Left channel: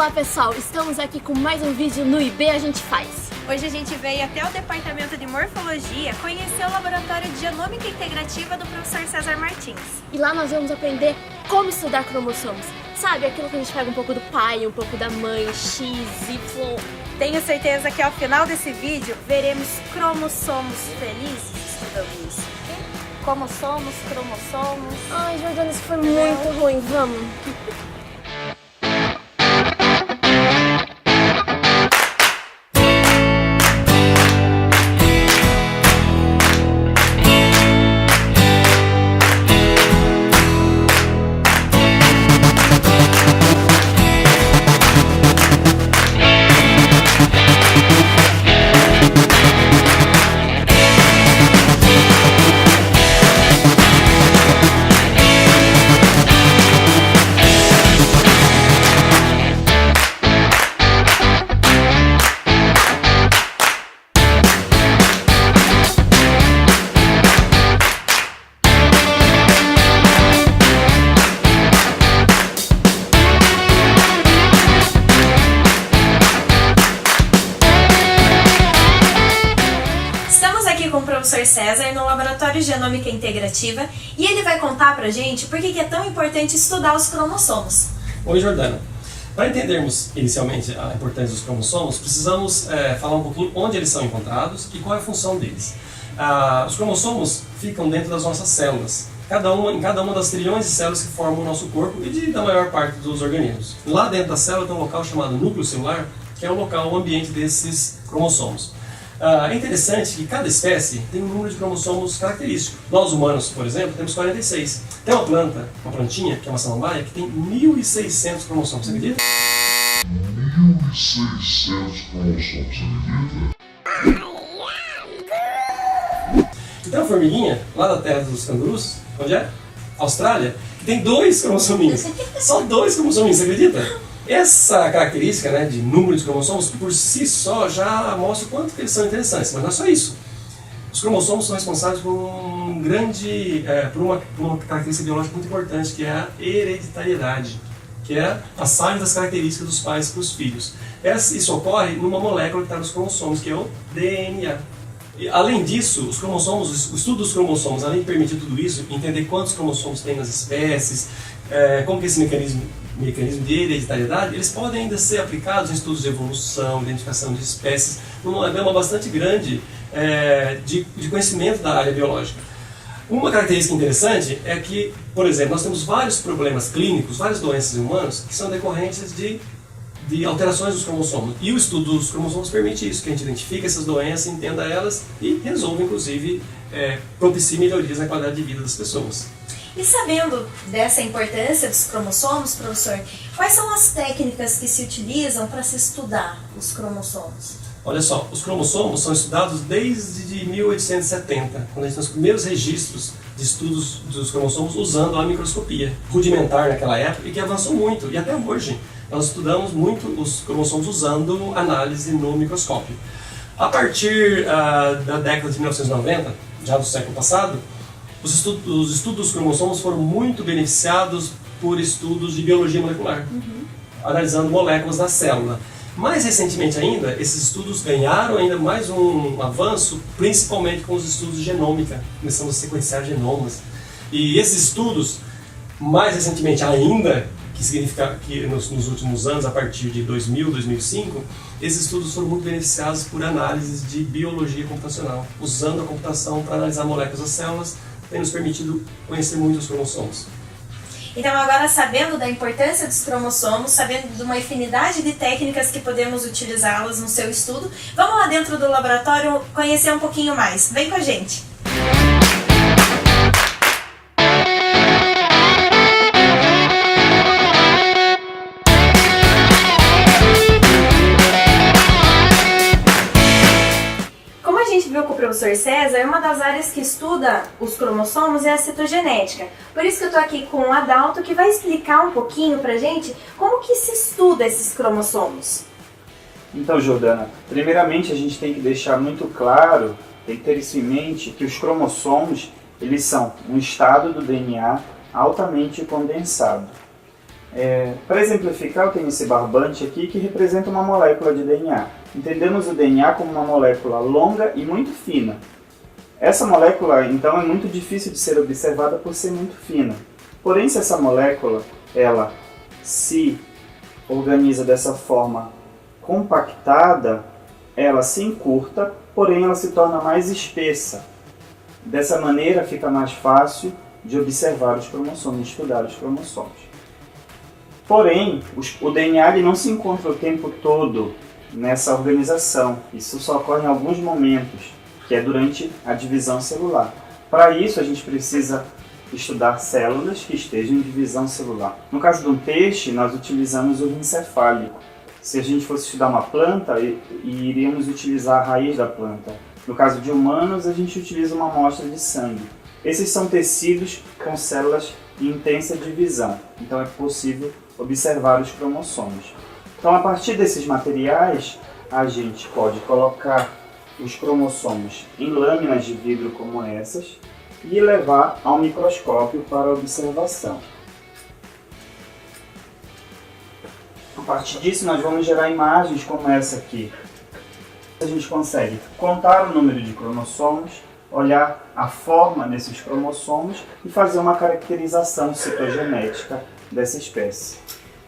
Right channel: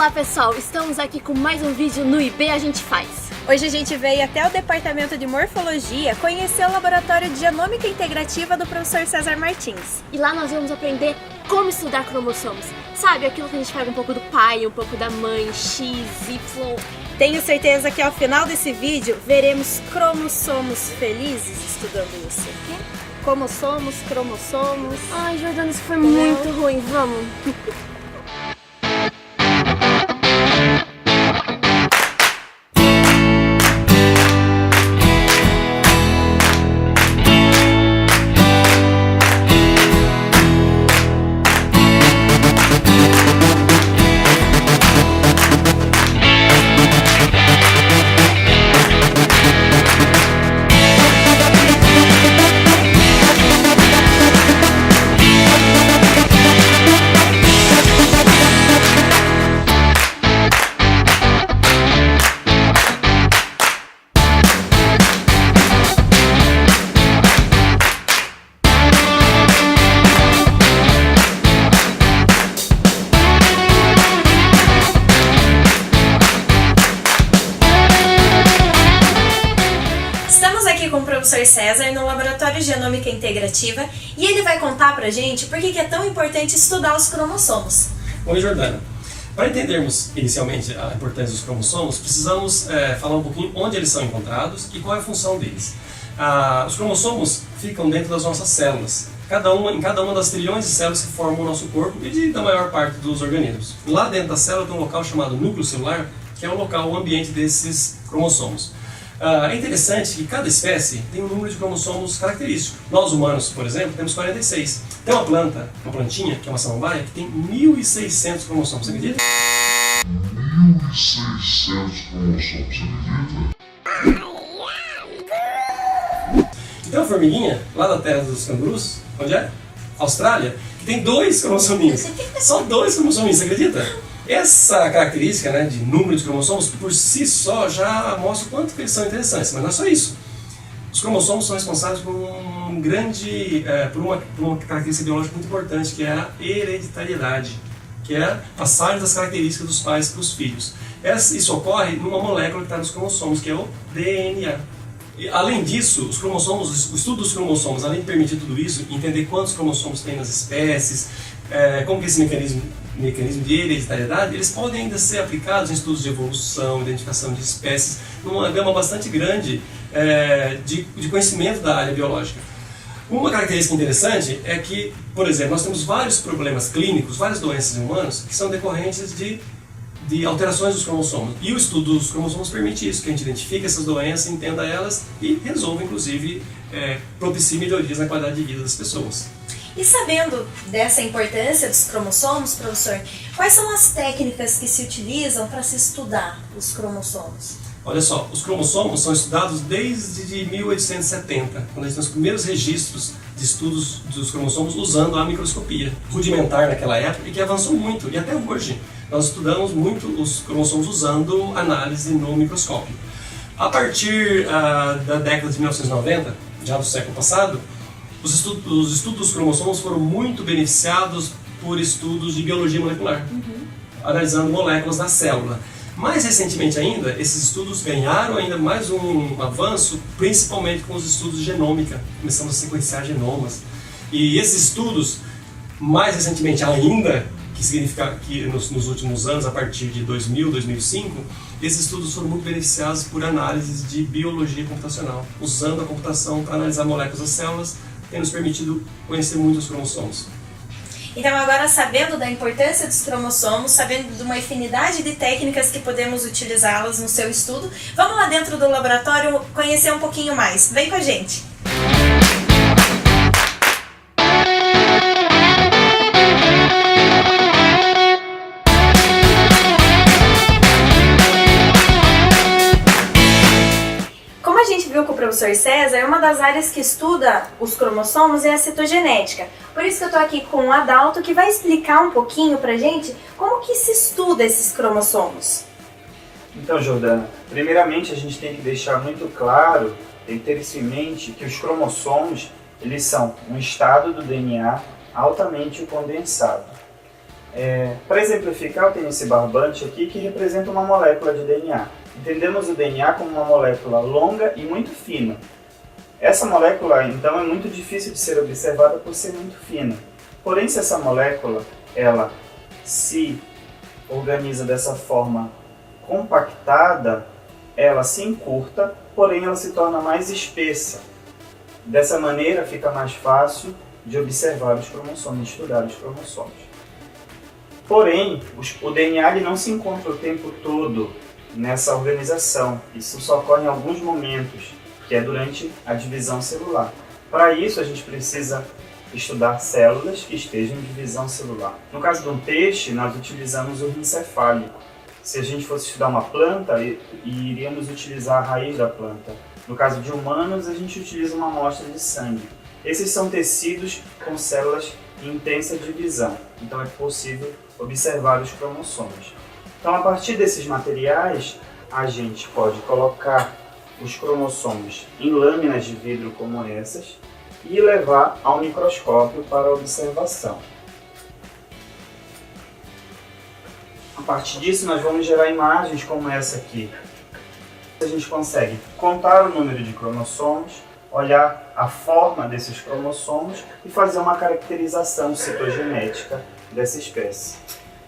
Olá pessoal, estamos aqui com mais um vídeo no IB A Gente Faz. Hoje a gente veio até o Departamento de Morfologia conhecer o Laboratório de Genômica Integrativa do professor César Martins. E lá nós vamos aprender como estudar cromossomos. Sabe, aquilo que a gente pega um pouco do pai, um pouco da mãe, X, Y... Tenho certeza que ao final desse vídeo veremos cromossomos felizes estudando isso. Como somos, cromossomos... Ai, Jordana, isso foi muito ruim, vamos... Com o professor César no Laboratório de Genômica Integrativa e ele vai contar pra gente por que é tão importante estudar os cromossomos. Oi, Jordana. Para entendermos inicialmente a importância dos cromossomos, precisamos falar um pouquinho onde eles são encontrados e qual é a função deles. Os cromossomos ficam dentro das nossas células, em cada uma das trilhões de células que formam o nosso corpo e da maior parte dos organismos. Lá dentro da célula tem um local chamado núcleo celular, que é o local, o ambiente desses cromossomos. É interessante que cada espécie tem um número de cromossomos característico. Nós humanos, por exemplo, temos 46. Tem uma plantinha, que é uma samambaia, que tem 1.600 cromossomos, você acredita? 1.600 cromossomos, você acredita? E tem uma formiguinha, lá da terra dos cangurus, onde é? Austrália, que tem 2 cromossominhos. Só 2 cromossominhos, você acredita? Essa característica, né, de número de cromossomos, por si só já mostra o quanto que eles são interessantes, mas não é só isso. Os cromossomos são responsáveis por uma característica biológica muito importante, que é a hereditariedade, que é a passagem das características dos pais para os filhos. Isso ocorre numa molécula que está nos cromossomos, que é o DNA. E, além disso, os cromossomos, o estudo dos cromossomos, além de permitir tudo isso, entender quantos cromossomos tem nas espécies, como que esse mecanismo de hereditariedade, eles podem ainda ser aplicados em estudos de evolução, identificação de espécies, numa gama bastante grande de conhecimento da área biológica. Uma característica interessante é que, por exemplo, nós temos vários problemas clínicos, várias doenças em humanos, que são decorrentes de alterações dos cromossomos. E o estudo dos cromossomos permite isso, que a gente identifique essas doenças, entenda elas e resolva, inclusive, propicie melhorias na qualidade de vida das pessoas. E sabendo dessa importância dos cromossomos, professor, quais são as técnicas que se utilizam para se estudar os cromossomos? Olha só, os cromossomos são estudados desde 1870, quando a gente tem os primeiros registros de estudos dos cromossomos usando a microscopia rudimentar naquela época e que avançou muito, e até hoje nós estudamos muito os cromossomos usando análise no microscópio. A partir da década de 1990, já do século passado, os estudos dos cromossomos foram muito beneficiados por estudos de biologia molecular, analisando moléculas da célula. Mais recentemente ainda, esses estudos ganharam ainda mais um avanço, principalmente com os estudos de genômica, começando a sequenciar genomas. E esses estudos, mais recentemente ainda, que significa que nos últimos anos, a partir de 2000, 2005, esses estudos foram muito beneficiados por análises de biologia computacional, usando a computação para analisar moléculas das células, tem nos permitido conhecer muito os cromossomos. Então agora, sabendo da importância dos cromossomos, sabendo de uma infinidade de técnicas que podemos utilizá-las no seu estudo, vamos lá dentro do laboratório conhecer um pouquinho mais. Vem com a gente! Com o professor César, uma das áreas que estuda os cromossomos é a citogenética. Por isso que eu estou aqui com o Adalto, que vai explicar um pouquinho pra gente como que se estuda esses cromossomos. Então, Jordana, primeiramente a gente tem que deixar muito claro, tem que ter isso em mente, que os cromossomos, eles são um estado do DNA altamente condensado. Para exemplificar, eu tenho esse barbante aqui que representa uma molécula de DNA. Entendemos o DNA como uma molécula longa e muito fina. Essa molécula, então, é muito difícil de ser observada por ser muito fina. Porém, se essa molécula ela se organiza dessa forma compactada, ela se encurta, porém ela se torna mais espessa. Dessa maneira fica mais fácil de observar os cromossomos, de estudar os cromossomos. Porém, o DNA ele não se encontra o tempo todo nessa organização. Isso só ocorre em alguns momentos, que é durante a divisão celular. Para isso, a gente precisa estudar células que estejam em divisão celular. No caso de um peixe, nós utilizamos o rim cefálico. Se a gente fosse estudar uma planta, iríamos utilizar a raiz da planta. No caso de humanos, a gente utiliza uma amostra de sangue. Esses são tecidos com células em intensa divisão, então é possível observar os cromossomos. Então, a partir desses materiais, a gente pode colocar os cromossomos em lâminas de vidro como essas e levar ao microscópio para observação. A partir disso, nós vamos gerar imagens como essa aqui. A gente consegue contar o número de cromossomos, olhar a forma desses cromossomos e fazer uma caracterização citogenética dessa espécie.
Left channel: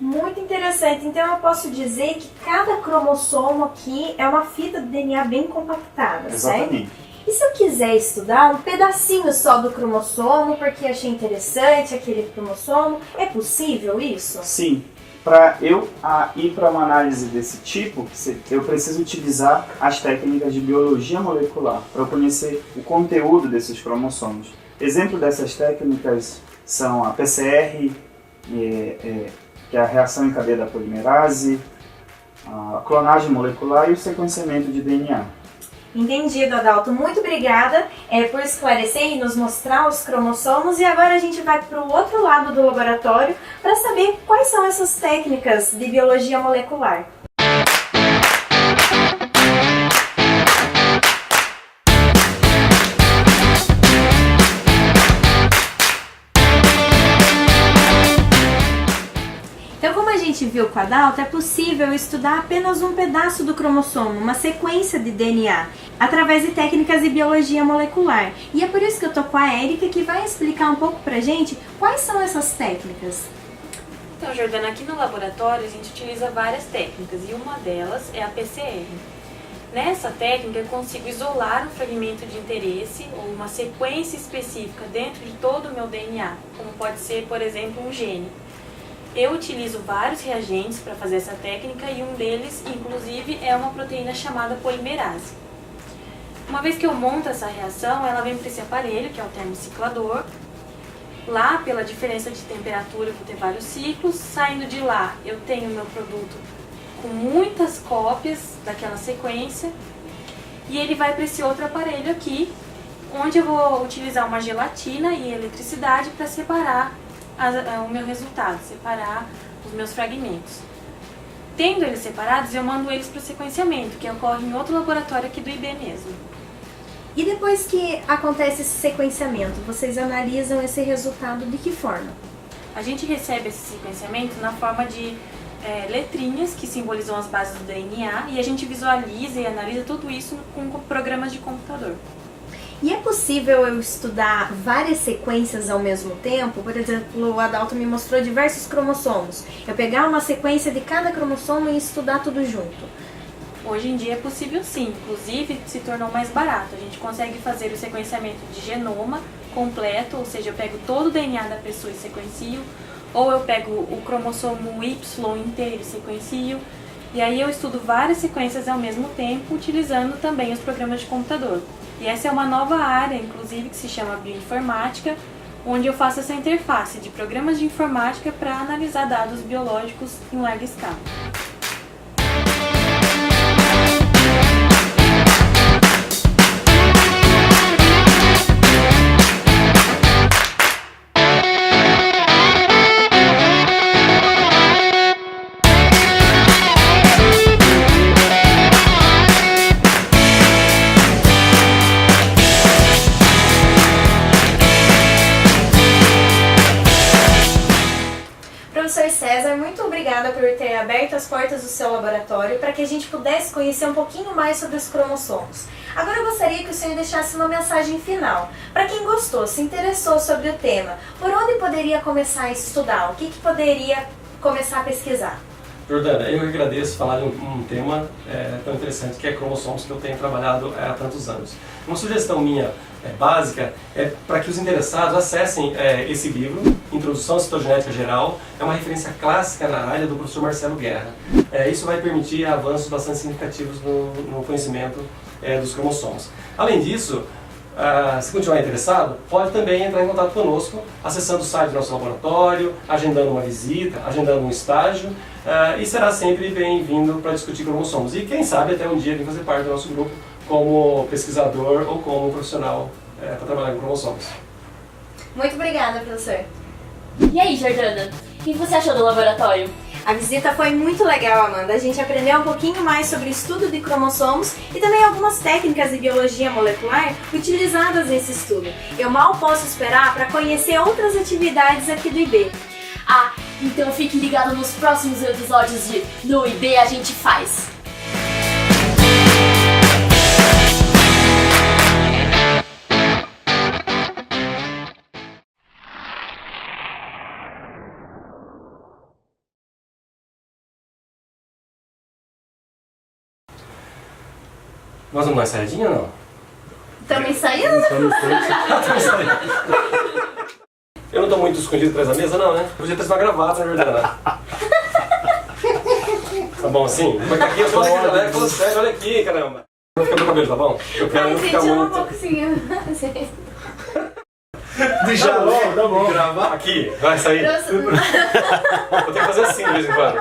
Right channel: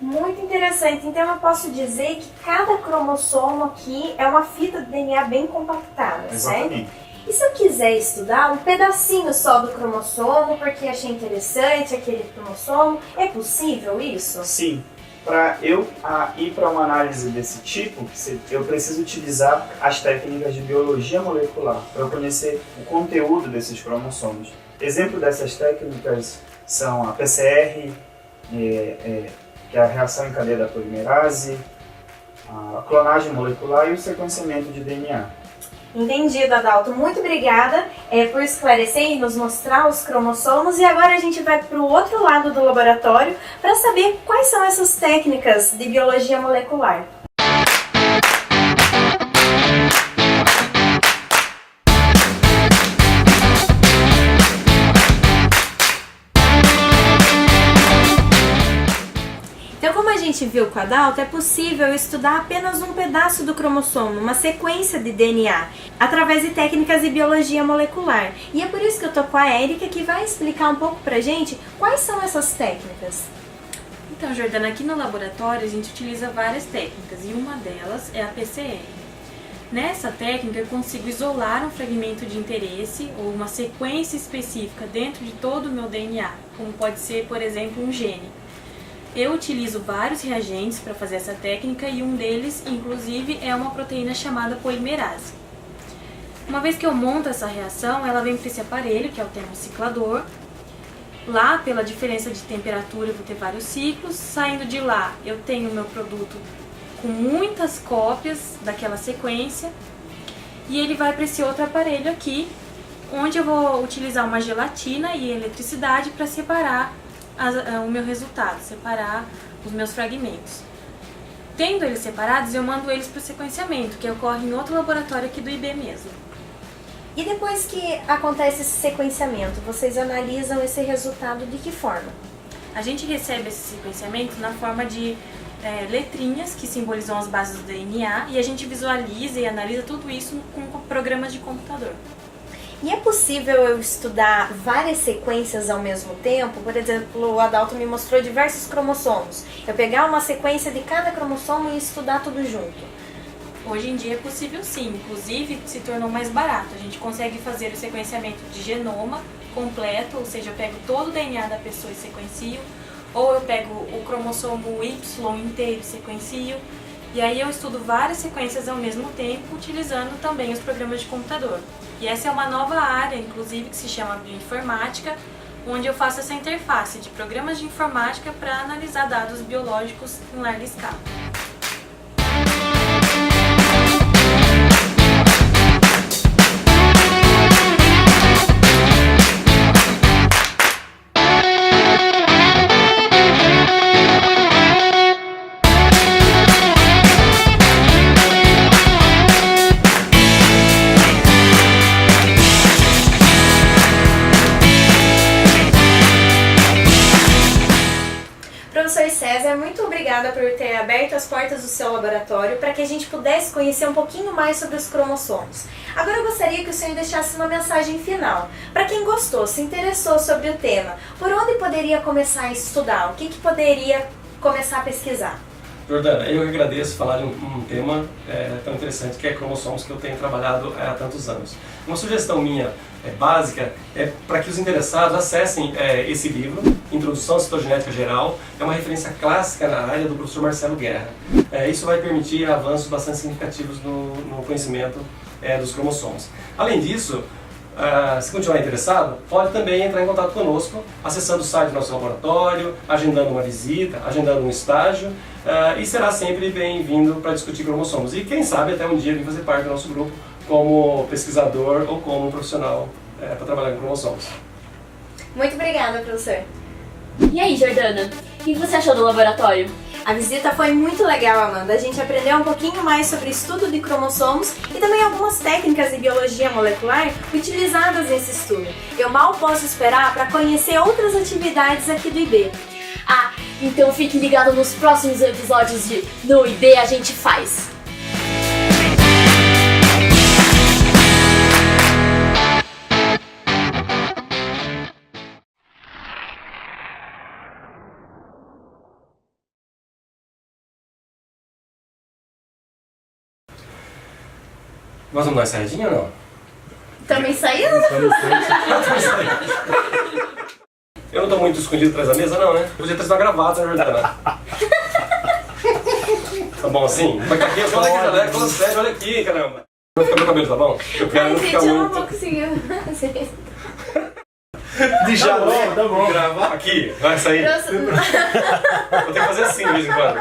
Muito interessante. Então eu posso dizer que cada cromossomo aqui é uma fita de DNA bem compactada, Exatamente. certo? E se eu quiser estudar um pedacinho só do cromossomo, porque achei interessante aquele cromossomo, é possível isso? Sim. Para eu ir para uma análise desse tipo, eu preciso utilizar as técnicas de biologia molecular para eu conhecer o conteúdo desses cromossomos. Exemplo dessas técnicas são a PCR, que é a reação em cadeia da polimerase, a clonagem molecular e o sequenciamento de DNA. Entendido, Adalto. Muito obrigada por esclarecer e nos mostrar os cromossomos. E agora a gente vai para o outro lado do laboratório para saber quais são essas técnicas de biologia molecular. Então, como a gente viu com a Adalto, é possível estudar apenas um pedaço do cromossomo, uma sequência de DNA, através de técnicas de biologia molecular. E é por isso que eu tô com a Érica, que vai explicar um pouco pra gente quais são essas técnicas. Então, Jordana, aqui no laboratório a gente utiliza várias técnicas e uma delas é a PCR. Nessa técnica eu consigo isolar um fragmento de interesse ou uma sequência específica dentro de todo o meu DNA, como pode ser, por exemplo, um gene. Eu utilizo vários reagentes para fazer essa técnica e um deles, inclusive, é uma proteína chamada polimerase. Uma vez que eu monto essa reação, ela vem para esse aparelho, que é o termociclador. Lá, pela diferença de temperatura, eu vou ter vários ciclos. Saindo de lá, eu tenho o meu produto com muitas cópias daquela sequência. E ele vai para esse outro aparelho aqui, onde eu vou utilizar uma gelatina e eletricidade para separar o meu resultado, separar os meus fragmentos. Tendo eles separados, eu mando eles para o sequenciamento, que ocorre em outro laboratório aqui do IB mesmo. E depois que acontece esse sequenciamento, vocês analisam esse resultado de que forma? A gente recebe esse sequenciamento na forma de letrinhas que simbolizam as bases do DNA e a gente visualiza e analisa tudo isso com programas de computador. E é possível eu estudar várias sequências ao mesmo tempo? Por exemplo, o Adalto me mostrou diversos cromossomos. Eu pegar uma sequência de cada cromossomo e estudar tudo junto. Hoje em dia é possível sim, inclusive se tornou mais barato. A gente consegue fazer o sequenciamento de genoma completo, ou seja, eu pego todo o DNA da pessoa e sequencio, ou eu pego o cromossomo Y inteiro e sequencio. E aí eu estudo várias sequências ao mesmo tempo, utilizando também os programas de computador. E essa é uma nova área, inclusive, que se chama bioinformática, onde eu faço essa interface de programas de informática para analisar dados biológicos em larga escala. Professor obrigada por ter aberto as portas do seu laboratório para que a gente pudesse conhecer um pouquinho mais sobre os cromossomos. Agora eu gostaria que o senhor deixasse uma mensagem final. Para quem gostou, se interessou sobre o tema, por onde poderia começar a estudar? O que poderia começar a pesquisar? Jordana, eu agradeço falar de um tema tão interessante que é cromossomos, que eu tenho trabalhado há tantos anos. Uma sugestão minha básica é para que os interessados acessem esse livro, Introdução à Citogenética Geral. É uma referência clássica na área do professor Marcelo Guerra. Isso vai permitir avanços bastante significativos no conhecimento dos cromossomos. Além disso, se continuar interessado, pode também entrar em contato conosco, acessando o site do nosso laboratório, agendando uma visita, agendando um estágio, e será sempre bem-vindo para discutir cromossomos. E quem sabe até um dia vir fazer parte do nosso grupo como pesquisador ou como profissional para trabalhar com cromossomos. Muito obrigada, professor. E aí, Jordana, o que você achou do laboratório? A visita foi muito legal, Amanda. A gente aprendeu um pouquinho mais sobre o estudo de cromossomos e também algumas técnicas de biologia molecular utilizadas nesse estudo. Eu mal posso esperar para conhecer outras atividades aqui do IB. Ah, então fique ligado nos próximos episódios de No IB a gente faz. Nós vamos dar uma saidinha ou não? Também saiu? Eu não tô muito escondido atrás da mesa, não, né? Podia ter sido uma gravata, na verdade. Tá bom assim? Vai aqui, eu falei que já leva, falando sério, olha aqui, caramba. Não fica meu cabelo, tá bom? Eu quero não ficar Eu não muito... vou conseguir fazer. Tá bom. Aqui, vai sair. Vou ter que fazer assim de vez em quando.